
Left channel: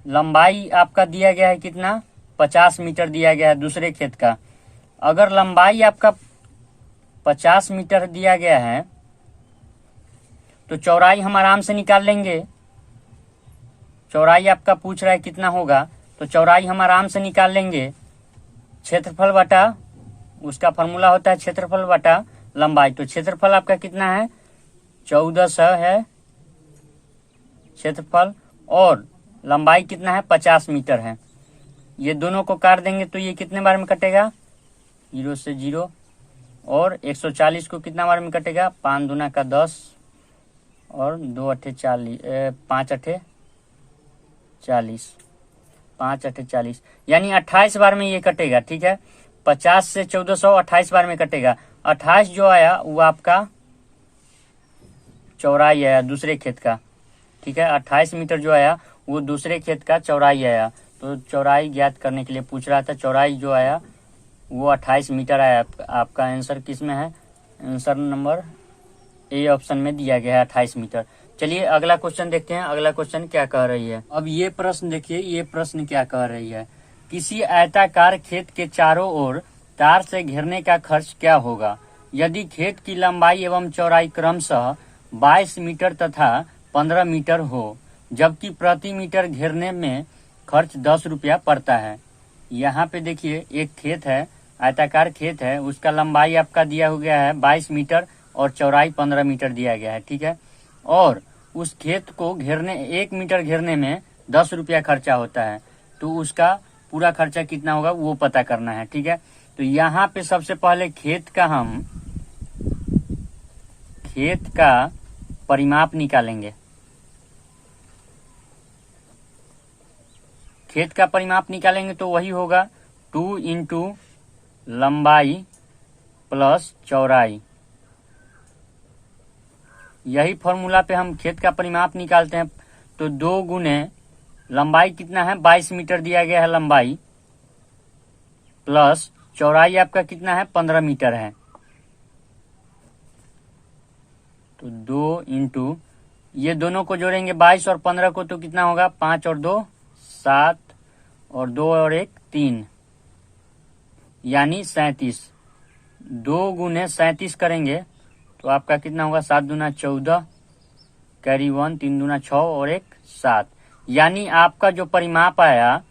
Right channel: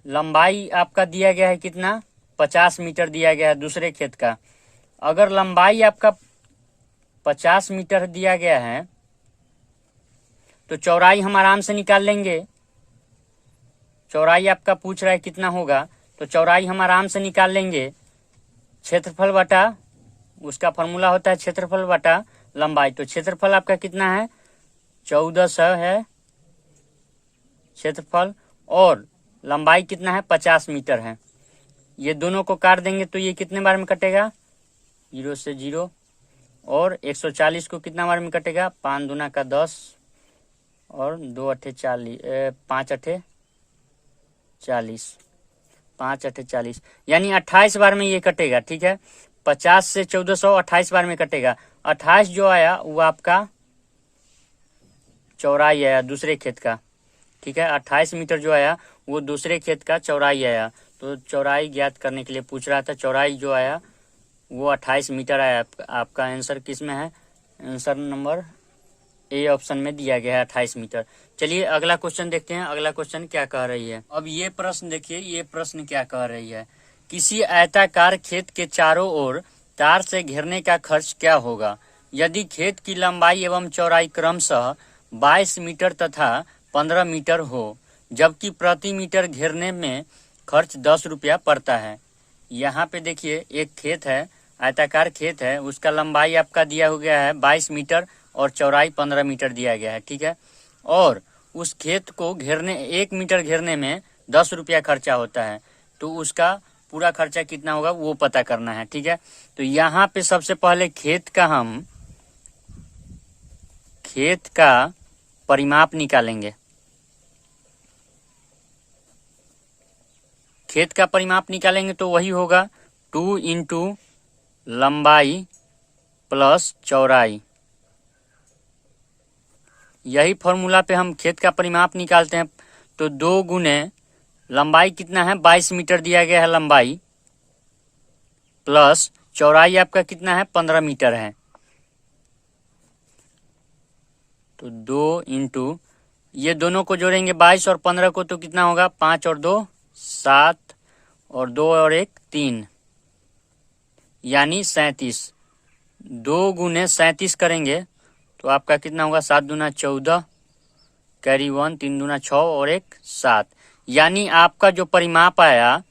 लंबाई आपका दिया गया है कितना, 50 मीटर दिया गया है दूसरे खेत का। अगर लंबाई आपका 50 मीटर दिया गया है तो चौड़ाई हम आराम से निकाल लेंगे। चौड़ाई आपका पूछ रहा है कितना होगा, तो चौड़ाई हम आराम से निकाल लेंगे, क्षेत्रफल बटा उसका फॉर्मूला होता है क्षेत्रफल बटा लंबाई। तो क्षेत्रफल आपका कितना है 1400 है क्षेत्रफल, और लंबाई कितना है 50 मीटर है। ये दोनों को काट देंगे तो ये कितने बार में कटेगा, 0 से 0, और 140 को कितना बार में कटेगा, 5 दूना का 10 और 2 अठे 40, 5 अठे 40, 5 अठे 40, यानी 28 बार में ये कटेगा, ठीक है। 50 से 1400 28 बार में कटेगा। 28 जो आया वो आपका चौड़ाई आया दूसरे खेत का, ठीक है। 28 मीटर जो आया वो दूसरे खेत का चौड़ाई आया, तो चौड़ाई ज्ञात करने के लिए पूछ रहा था। चौड़ाई जो आया वो 28 मीटर आया। आपका आंसर किस में है, आंसर नंबर ए ऑप्शन में दिया गया है 28 मीटर। चलिए अगला क्वेश्चन देखते हैं, अगला क्वेश्चन क्या कह रही है। अब ये प्रश्न देखिए, ये प्रश्न क्या कह रही है, किसी आयताकार खेत के चारों ओर तार से घेरने का खर्च क्या होगा यदि खेत की लंबाई एवं चौड़ाई क्रमशः 22 मीटर तथा 15 मीटर हो, जबकि प्रति मीटर घेरने में खर्च 10 रुपया पड़ता है। यहाँ पे देखिए एक खेत है, आयताकार खेत है, उसका लंबाई आपका दिया हो गया है 22 मीटर और चौड़ाई 15 मीटर दिया गया है, ठीक है। और उस खेत को घेरने 1 मीटर घेरने में 10 रुपया खर्चा होता है, तो उसका पूरा खर्चा कितना होगा वो पता करना है। ठीक है, तो यहाँ पे सबसे पहले खेत का परिमाप निकालेंगे। खेत का परिमाप निकालेंगे तो वही होगा 2 इंटू लंबाई प्लस चौड़ाई। यही फॉर्मूला पे हम खेत का परिमाप निकालते हैं। तो 2 गुने लंबाई कितना है 22 मीटर दिया गया है लंबाई, प्लस चौड़ाई आपका कितना है 15 मीटर है। तो 2 इंटू ये दोनों को जोड़ेंगे 22 और 15 को, तो कितना होगा 5 और 2 7 और 2 और 1 3, यानी 37। 2 गुने 37 करेंगे तो आपका कितना होगा 7 दूना 14, कैरी 1, 3 दूना 6 और 1 7, यानी आपका जो परिमाप आया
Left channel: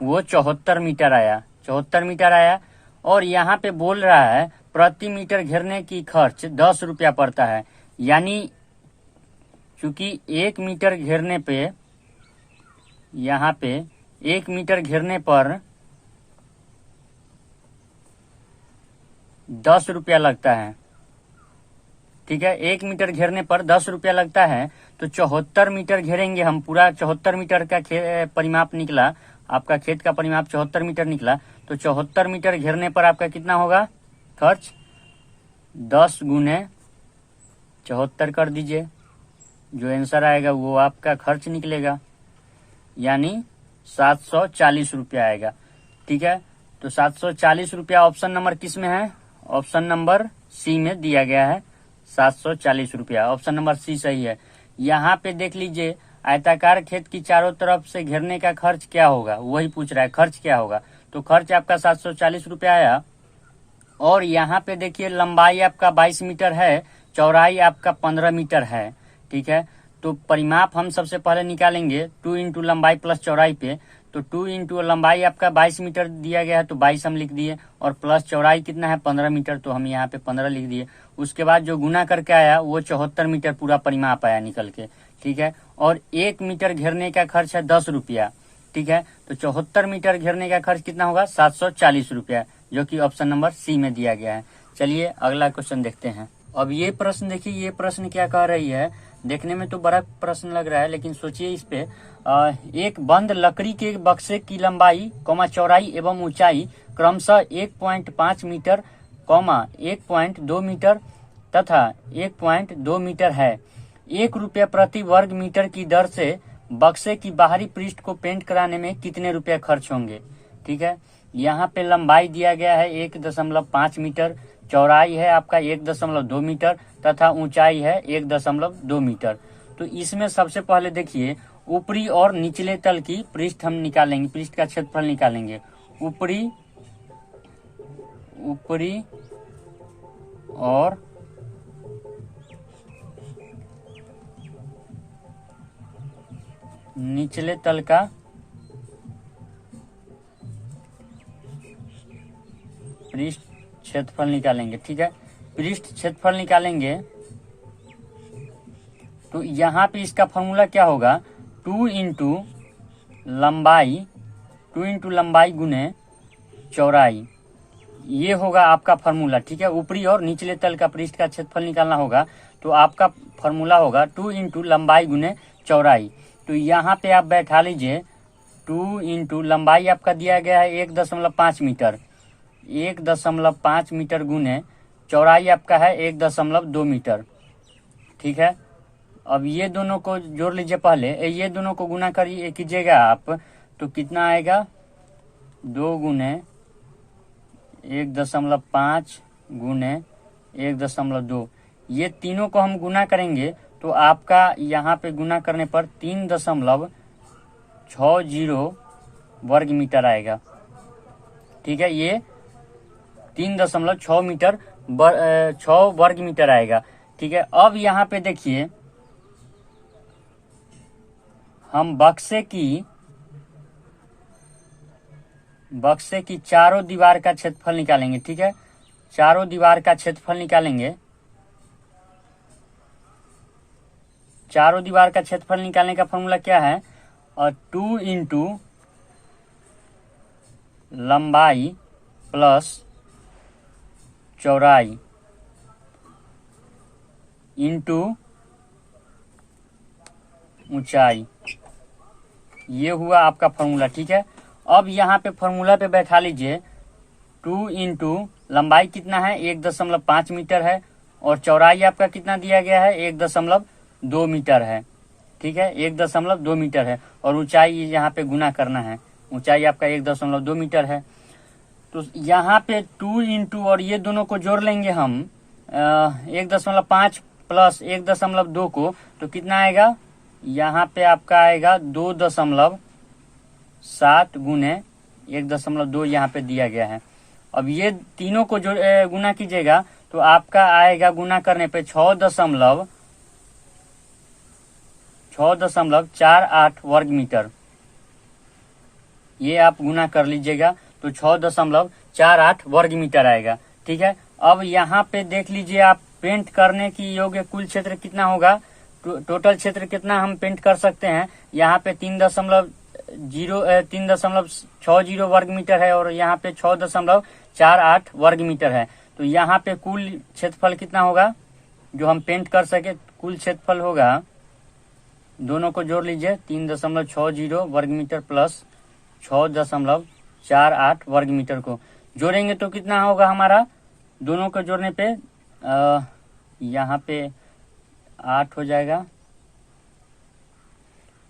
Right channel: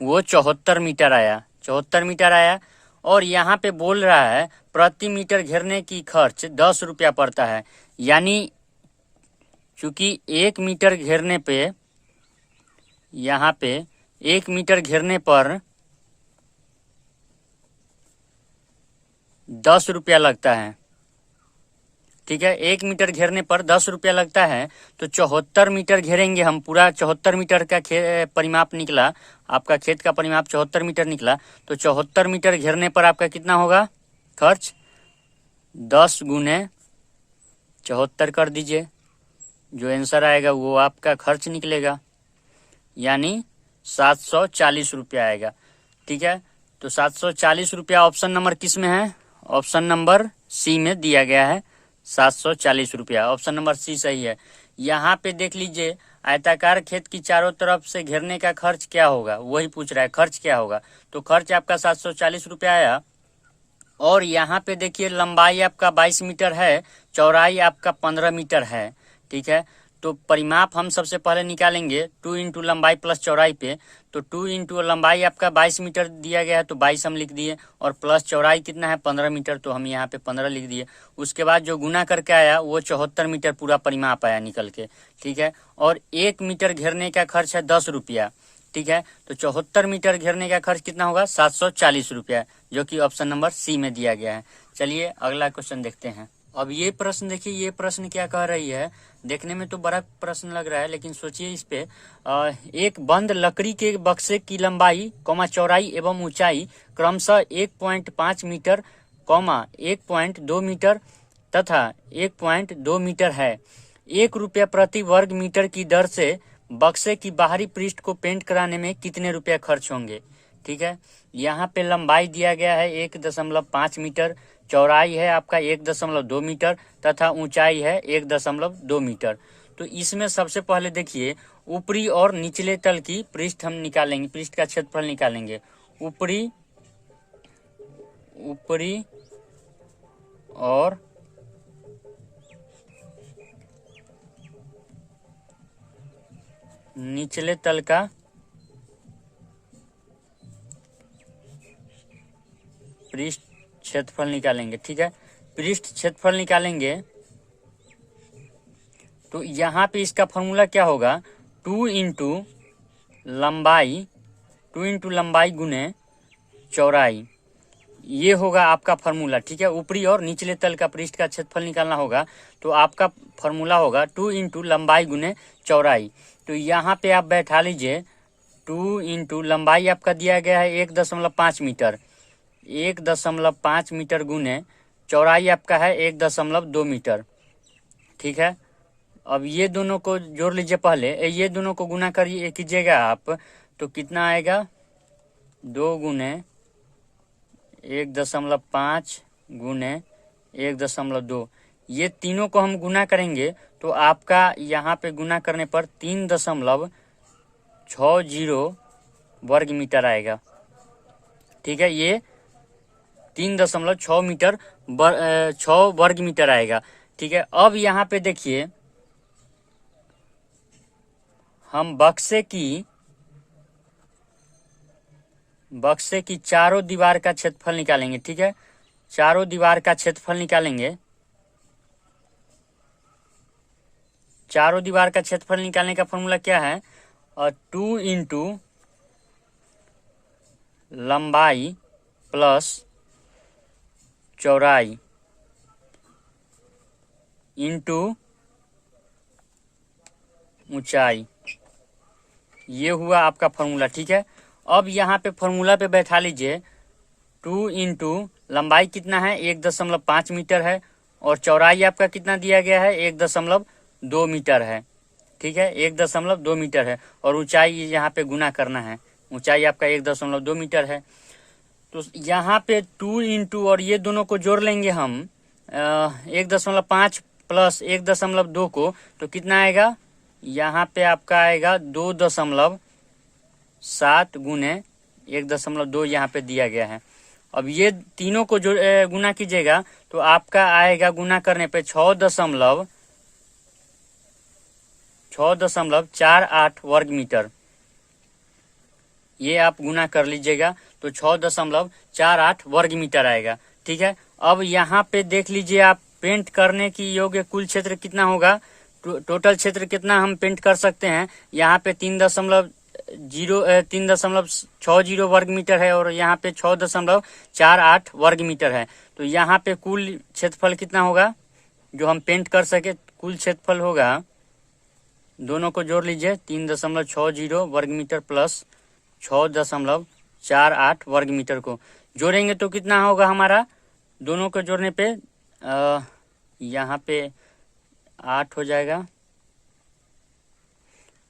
वो 74 मीटर आया। 74 मीटर आया। और यहाँ पे बोल रहा है प्रति मीटर घेरने की खर्च 10 रुपया पड़ता है, यानी चूंकि 1 मीटर घेरने पे, यहाँ पे 1 मीटर घेरने पर 10 रुपया लगता है। ठीक है, 1 मीटर घेरने पर 10 रुपया लगता है। तो 74 मीटर घेरेंगे हम, पूरा 74 मीटर का परिमाप निकला, आपका खेत का परिमाप 74 मीटर निकला। तो 74 मीटर घेरने पर आपका कितना होगा खर्च, 10 गुने 74 कर दीजिए, जो आंसर आएगा वो आपका खर्च निकलेगा, यानी 740 रुपया आएगा। ठीक है, तो 740 रुपया ऑप्शन नंबर किस में है, ऑप्शन नंबर सी में दिया गया है 740 रुपया। ऑप्शन नंबर सी सही है। यहाँ पे देख लीजिए आयताकार खेत की चारों तरफ से घेरने का खर्च क्या होगा, वही पूछ रहा है खर्च क्या होगा। तो खर्च आपका 740 रुपया आया। और यहाँ पे देखिए लंबाई आपका 22 मीटर है, चौड़ाई आपका 15 मीटर है। ठीक है, तो परिमाप हम सबसे पहले निकालेंगे 2 इंटू लंबाई प्लस चौड़ाई पे। तो 2 इंटू लंबाई आपका 22 मीटर दिया गया है तो 22 हम लिख दिए, और प्लस चौड़ाई कितना है 15 मीटर, तो हम यहाँ पे 15 लिख दिए। उसके बाद जो गुना करके आया वो 74 मीटर पूरा परिमाप आया निकल के। ठीक है, और 1 मीटर घेरने का खर्च है 10 रुपया। ठीक है, तो 74 मीटर घेरने का खर्च कितना होगा 740 रुपया, जो कि ऑप्शन नंबर सी में दिया गया है। चलिए अगला क्वेश्चन देखते हैं। अब ये प्रश्न देखिए, ये प्रश्न क्या कह रही है, देखने में तो बड़ा प्रश्न लग रहा है, लेकिन सोचिए इस पे। एक बंद लकड़ी के बक्से की लंबाई चौड़ाई एवं ऊंचाई क्रमशः 1.5 मीटर 1.2 मीटर तथा 1.2 मीटर है। 1 रुपया प्रति वर्ग मीटर की दर से बक्से की बाहरी पृष्ठ को पेंट कराने में कितने रुपया खर्च होंगे। ठीक है, यहाँ पे लंबाई दिया गया है 1.5 मीटर, चौड़ाई है आपका 1.2 मीटर तथा ऊंचाई है 1.2 मीटर। तो इसमें सबसे पहले देखिए ऊपरी और निचले तल की पृष्ठ हम निकालेंगे, पृष्ठ का क्षेत्रफल निकालेंगे। ऊपरी और निचले तल का पृष्ठ क्षेत्रफल निकालेंगे। ठीक है, पृष्ठ क्षेत्रफल निकालेंगे तो यहाँ पे इसका फॉर्मूला क्या होगा, 2 इंटू लंबाई गुने चौड़ाई, ये होगा आपका फॉर्मूला। ठीक है, ऊपरी और निचले तल का पृष्ठ का क्षेत्रफल निकालना होगा, तो आपका फॉर्मूला होगा 2 इंटू लंबाई गुने चौड़ाई। तो यहाँ पे आप बैठा लीजिए 2 इंटू लंबाई आपका दिया गया है 1.5 मीटर, 1.5 मीटर गुने चौड़ाई आपका है 1.2 मीटर। ठीक है, अब ये दोनों को जोड़ लीजिए, पहले ये दोनों को गुना कीजिएगा आप, तो कितना आएगा 2 गुने 1.5 गुने 1.2, ये तीनों को हम गुना करेंगे तो आपका यहाँ पे गुना करने पर 3.60 वर्ग मीटर आएगा। ठीक है, ये 3.6 मीटर 6 वर्ग मीटर आएगा। ठीक है, अब यहाँ पे देखिए हम बक्से की चारों दीवार का क्षेत्रफल निकालेंगे। ठीक है, चारों दीवार का क्षेत्रफल निकालेंगे। चारों दीवार का क्षेत्रफल निकालने का फॉर्मूला क्या है, और 2 इंटू लंबाई प्लस चौड़ाई इंटू ऊंचाई, ये हुआ आपका फॉर्मूला। ठीक है, अब यहाँ पे फॉर्मूला पे बैठा लीजिए 2 इंटू लंबाई कितना है 1.5 मीटर है और चौड़ाई आपका कितना दिया गया है 1.2 मीटर है। ठीक है, 1.2 मीटर है और ऊंचाई यहाँ पे गुना करना है, ऊंचाई आपका 1.2 मीटर है। तो यहाँ पे 2 इंटू और ये दोनों को जोड़ लेंगे हम 1.5 प्लस 1.2 को, तो कितना आएगा यहाँ पे आपका आएगा 2.7 गुने 1.2 यहाँ पे दिया गया है। अब ये तीनों को जो गुना कीजिएगा तो आपका आएगा गुना करने पे 6.48 वर्ग मीटर। ये आप गुना कर लीजिएगा तो 6.48 वर्ग मीटर आएगा। ठीक है, अब यहाँ पे देख लीजिए आप पेंट करने की योग्य कुल क्षेत्र कितना होगा, टोटल क्षेत्र कितना हम पेंट कर सकते हैं। यहाँ पे 3.60 वर्ग मीटर है और यहाँ पे 6.48 वर्ग मीटर है। तो यहाँ पे कुल क्षेत्रफल कितना होगा जो हम पेंट कर सके, कुल क्षेत्रफल होगा, दोनों को जोड़ लीजिए 3.60 वर्ग मीटर प्लस 6.48 वर्ग मीटर को जोड़ेंगे तो कितना होगा हमारा, दोनों को जोड़ने पे यहाँ पे 8 हो जाएगा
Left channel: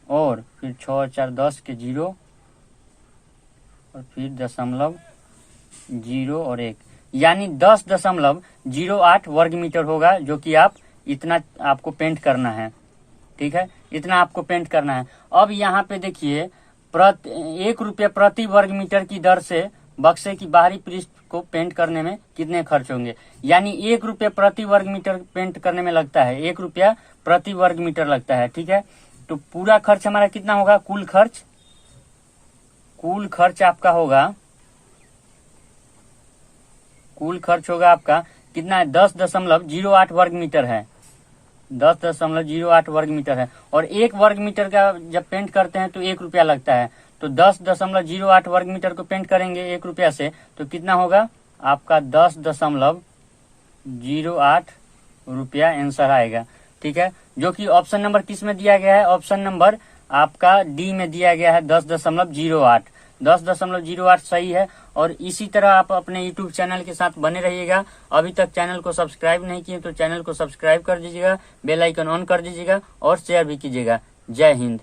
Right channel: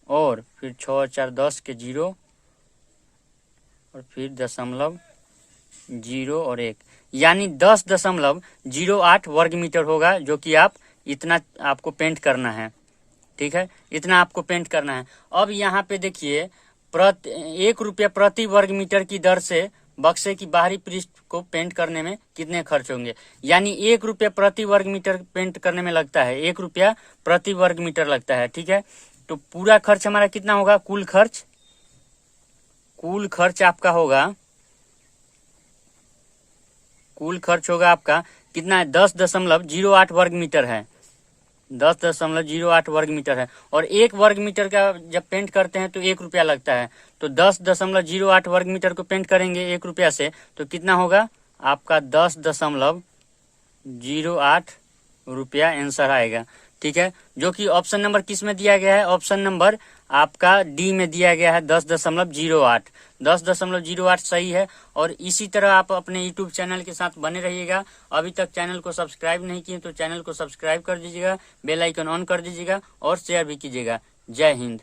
और फिर 6 4 10 के 0 और फिर 0.0 और 1 यानी 10.08 वर्ग मीटर होगा, जो कि आप इतना आपको पेंट करना है। ठीक है, इतना आपको पेंट करना है। अब यहाँ पे देखिए 1 रुपया प्रति वर्ग मीटर की दर से बक्से की बाहरी पृष्ठ को पेंट करने में कितने खर्च होंगे, यानी 1 रुपया प्रति वर्ग मीटर पेंट करने में लगता है, 1 रुपया प्रति वर्ग मीटर लगता है। ठीक है, तो पूरा खर्च हमारा कितना होगा, कुल खर्च आपका होगा, कुल खर्च होगा आपका कितना है 10.08 वर्ग मीटर है, 10.08 वर्ग मीटर है। और 1 वर्ग मीटर का जब पेंट करते हैं तो 1 रुपया लगता है, तो 10.08 वर्ग मीटर को पेंट करेंगे 1 रुपया से तो कितना होगा आपका 10.08 रुपया आंसर आएगा। ठीक है, जो कि ऑप्शन नंबर किस में दिया गया है, ऑप्शन नंबर आपका डी में दिया गया है 10.08। 10.08 सही है। और इसी तरह आप अपने यूट्यूब चैनल के साथ बने रहिएगा। अभी तक चैनल को सब्सक्राइब नहीं किए तो चैनल को सब्सक्राइब कर दीजिएगा, बेल आइकन ऑन कर दीजिएगा और शेयर भी कीजिएगा। जय हिंद।